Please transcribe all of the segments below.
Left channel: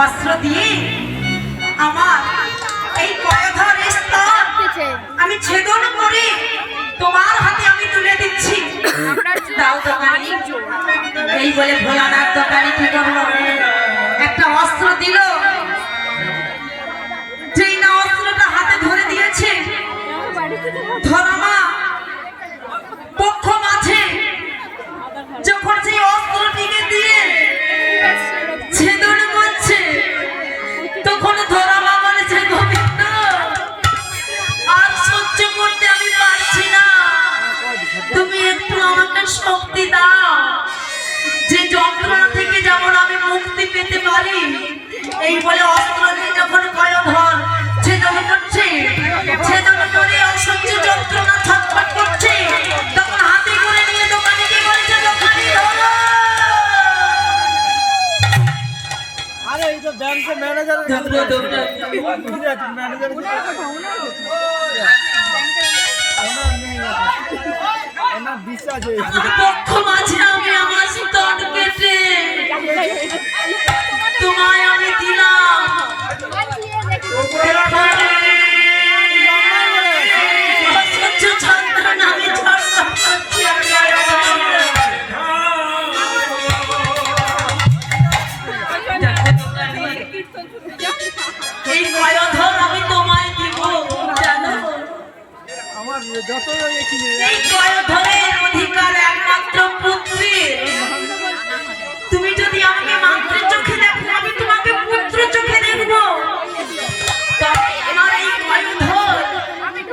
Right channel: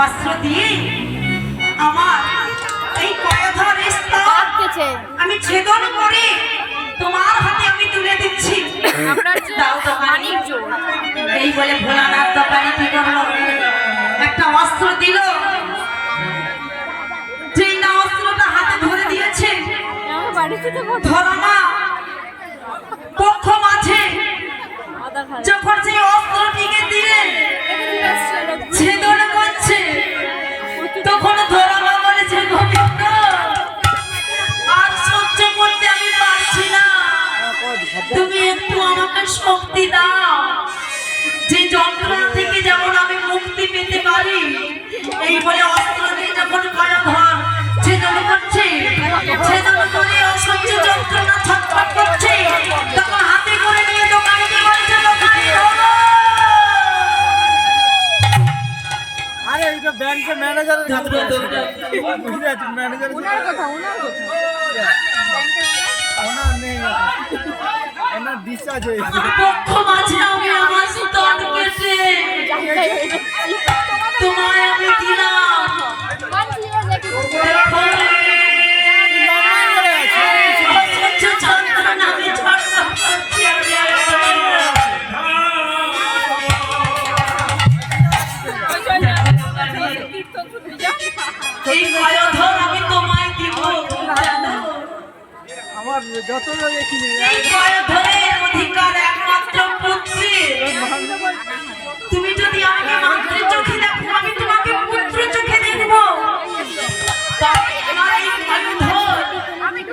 অস্ত্র দিয়ে আমার এই কয়ধর স্তর আমি ছেদন করে তোমার হাতে আমি তুলে দিচ্ছি। দাও দোকানি। এই বলে ভোলানাথ দোকানি কি করলো, একটা অস্ত্র দিল। যেই না অস্ত্রটা হাতে ধরে দিয়েছে, ধরামা পক্ষ মাঝে যখন সেই অস্ত্রটিকে দিয়ে ছেদন করছে, তখন ধরামা বলেছে, গোবিন্দ আর সহ্য করতে আমি পারছি না, তুমি একটু আমাকে শক্তি দাও, যে যন্ত্রণা থেকে যেমন আমি মুক্তি পেতে পারি। এই বলে অস্ত্র দিয়ে যখন কয়ধর ছেদন করছে, ছেদন করে অসহ্য যন্ত্রণা ছটফট করছে, তখন হাতে করে নিয়ে দোকানিকে বলছে, দোকানি ধরো। আরে এটা ব্যাংকের ম্যানেজারের কাছে ম্যানেজার ওনার নেই, ওনার ডিসচার্জ হয়েছে। পক্ষ মাঝে আমি আমার স্তন কেটে তোমায় আমি দিলাম। অসহ্য যন্ত্রণা আমি ছটফট করছি। এই কয়ধর আমি তোমায় দিব, জানো? আমার যত দেখিনি এই কয়ধরের অধিকার একমাত্র পুত্রের। তুমি যদি আমাকে মাতৃ চোখে দেখো, আমি তোমাকে পুত্র চোখে দেখবো। তবে আমার এই কয়ধর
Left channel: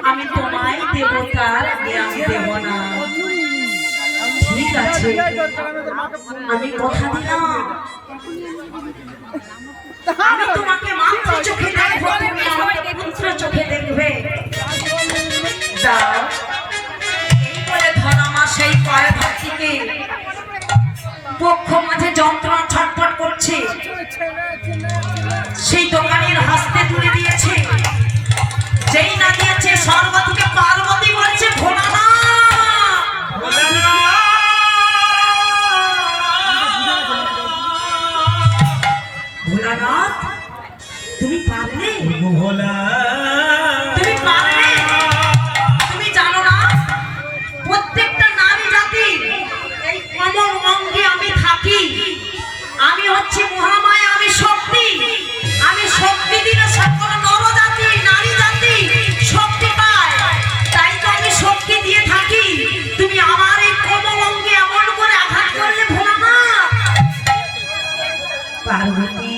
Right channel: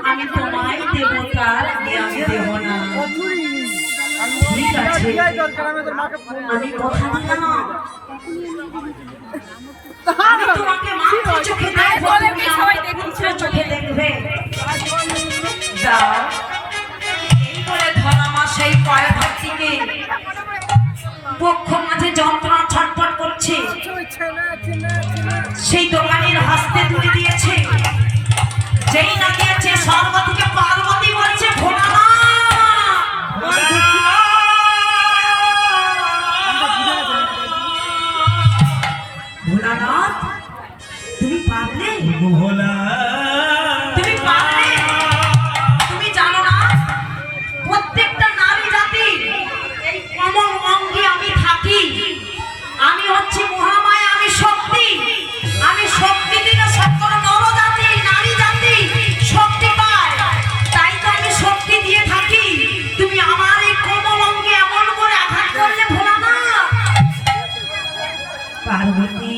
আমি তোমায় দেব, তার আগে আমি দেব না। ঠিক আছে, আমি কথা দিলাম, আমি তোমাকে মাতৃ চোখে দেখবো, তুমি আমাকে পুত্র চোখে দেখবে। দাও। এই বলে ধরামা সেই কয়ধর থেকে পক্ষ মাঝে যন্ত্রণা ছটফট করছে, সেই দোকানের হস্তে তুলে দিয়েছে। যেই না দিয়েছে, স্বর্গ থেকে পার্বতী বলছে, ভোলানাথ ভোলানাথ তুমি পারলে, তুমি পারলে। তুমি জানো না, প্রত্যেকটা নারী জাতি এই কমল অঙ্গে আমি থাকি। আমি হচ্ছি মহামায়া, আমি শক্তি। আমি শক্তি দিলে সকল নরজাতি নারী জাতি শক্তি পায়, তাই তো আমি শক্তি দিয়ে থাকি। তুমি আমার এই কমল অঙ্গে এমন করে আঘাত করলে ভোলানাথ। পার্বতী,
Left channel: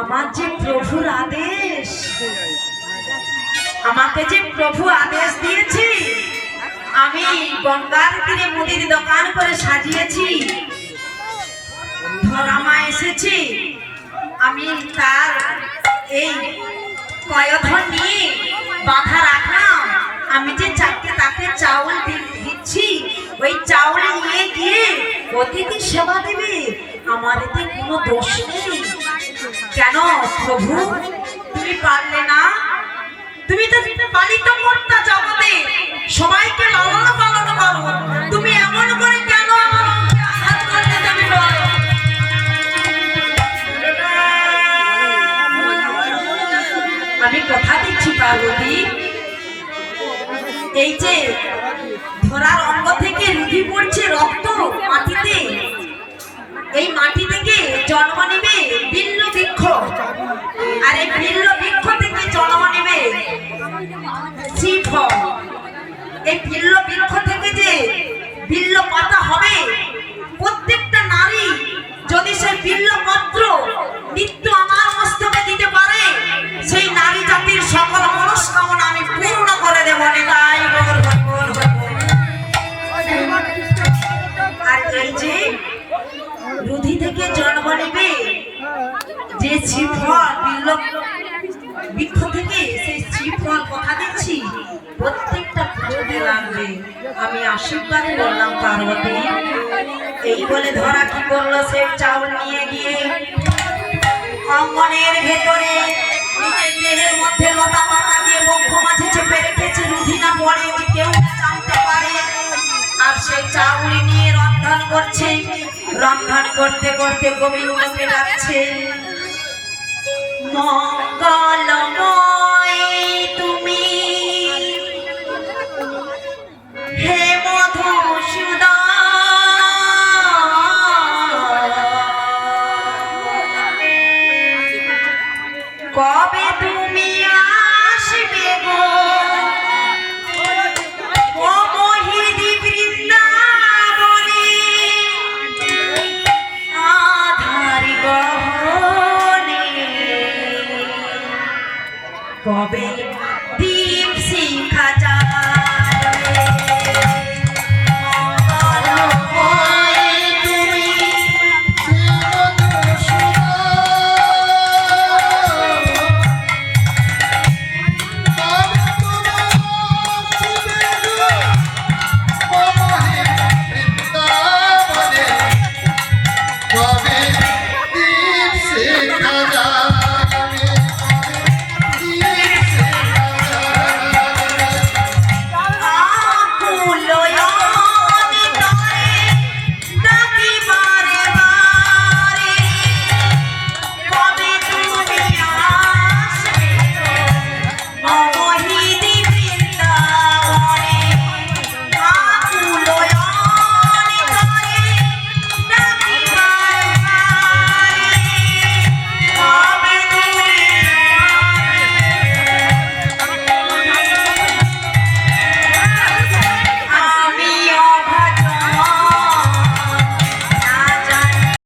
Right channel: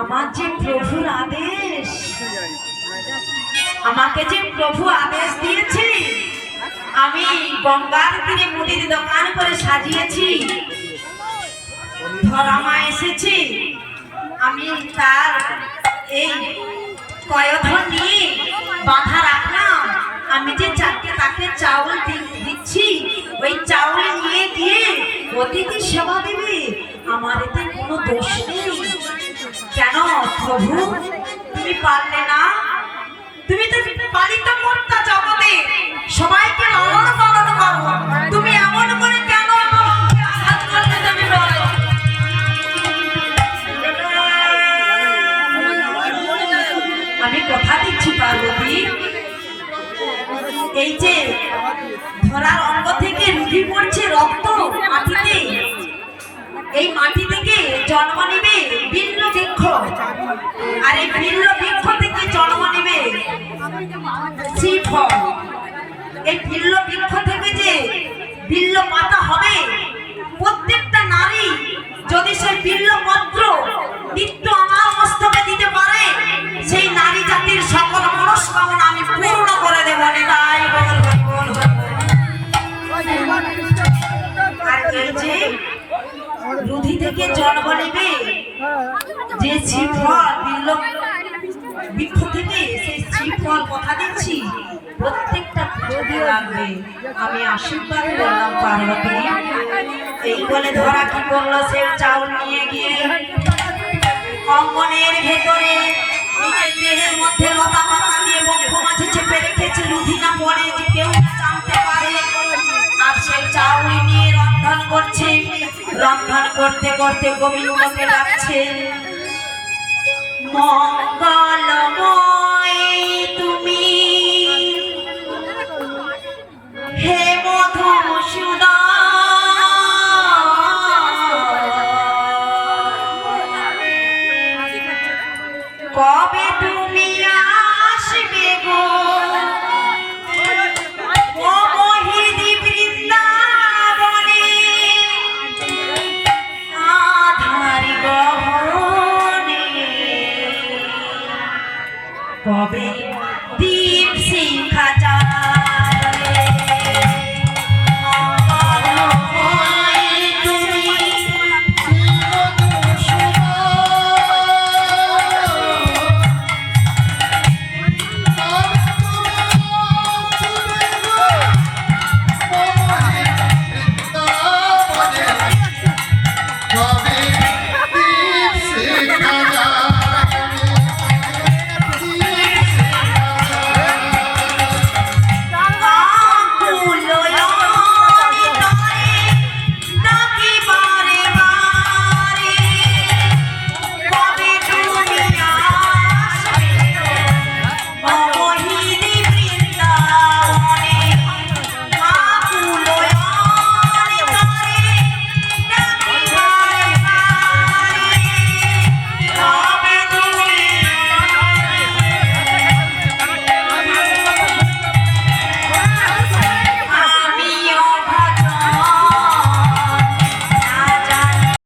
আমার যে প্রভুর আদেশ, আমাকে যে প্রভু আদেশ দিয়েছে, আমি গঙ্গার তীরে মুদির দোকান করে সাজিয়েছি। ধরামা এসেছে, আমি তার এই কয়ধর নিয়ে বাঁধা রাখলাম। আমি যে চারটে তাকে চাউল দিচ্ছি, ওই চাউল নিয়ে গিয়ে অতিথি সেবা দেবে। আমার এতে কোনো দোষ নেই। কেন প্রভু তুমি পারলে না? তুমি তো পালিত কর্তা, জগতে সবাইকে লালন পালন করো, তুমি এমন করে কেন আমাকে আঘাত করতে দেবে? আমি কথা দিচ্ছি পার্বতী, এই যে ধরার অঙ্গ থেকে রুধি পড়ছে রক্ত মাটিতে, এই মাটি থেকে জন্ম নেবে বিল্ল বৃক্ষ, আর এই বিল্ল বৃক্ষ থেকে জন্ম নেবে শ্রীফল। এই বিল্ল বৃক্ষ থেকে যে বিল্ল পাতা হবে, প্রত্যেকটা নারী যদি সেই বিল্ল পত্র নিত্য আমার মস্তকে দিতে পারে, সেই নারী জাতির সকল মনস্কামনা আমি পূর্ণ করে দেব। তাই আর এই যে রুধি থেকে জন্ম নেবে যে শ্রীফল বিল্ল বৃক্ষ থেকে, সেই শ্রীফল কথা দিচ্ছি প্রত্যেকটা ফুটে লাগবে। আমি আশীর্বাদ করলাম পার্বতী। এই বলে ধরা কি করলো, সে চাউল নিয়ে গিয়ে অঙ্গনের ভেতরে নিজের দেহের মধ্যে লতা পাতা দিয়ে বক্ষ মাঝে চেপে রেখেছে, রুধি না পড়ে কেউ জানতে পারে। আর সেই চাউল নিয়ে রক্ত রন্ধন করছে, রন্ধন করতে করতে গোবিন্দকে ডাকছে, মঙ্গলময় তুমি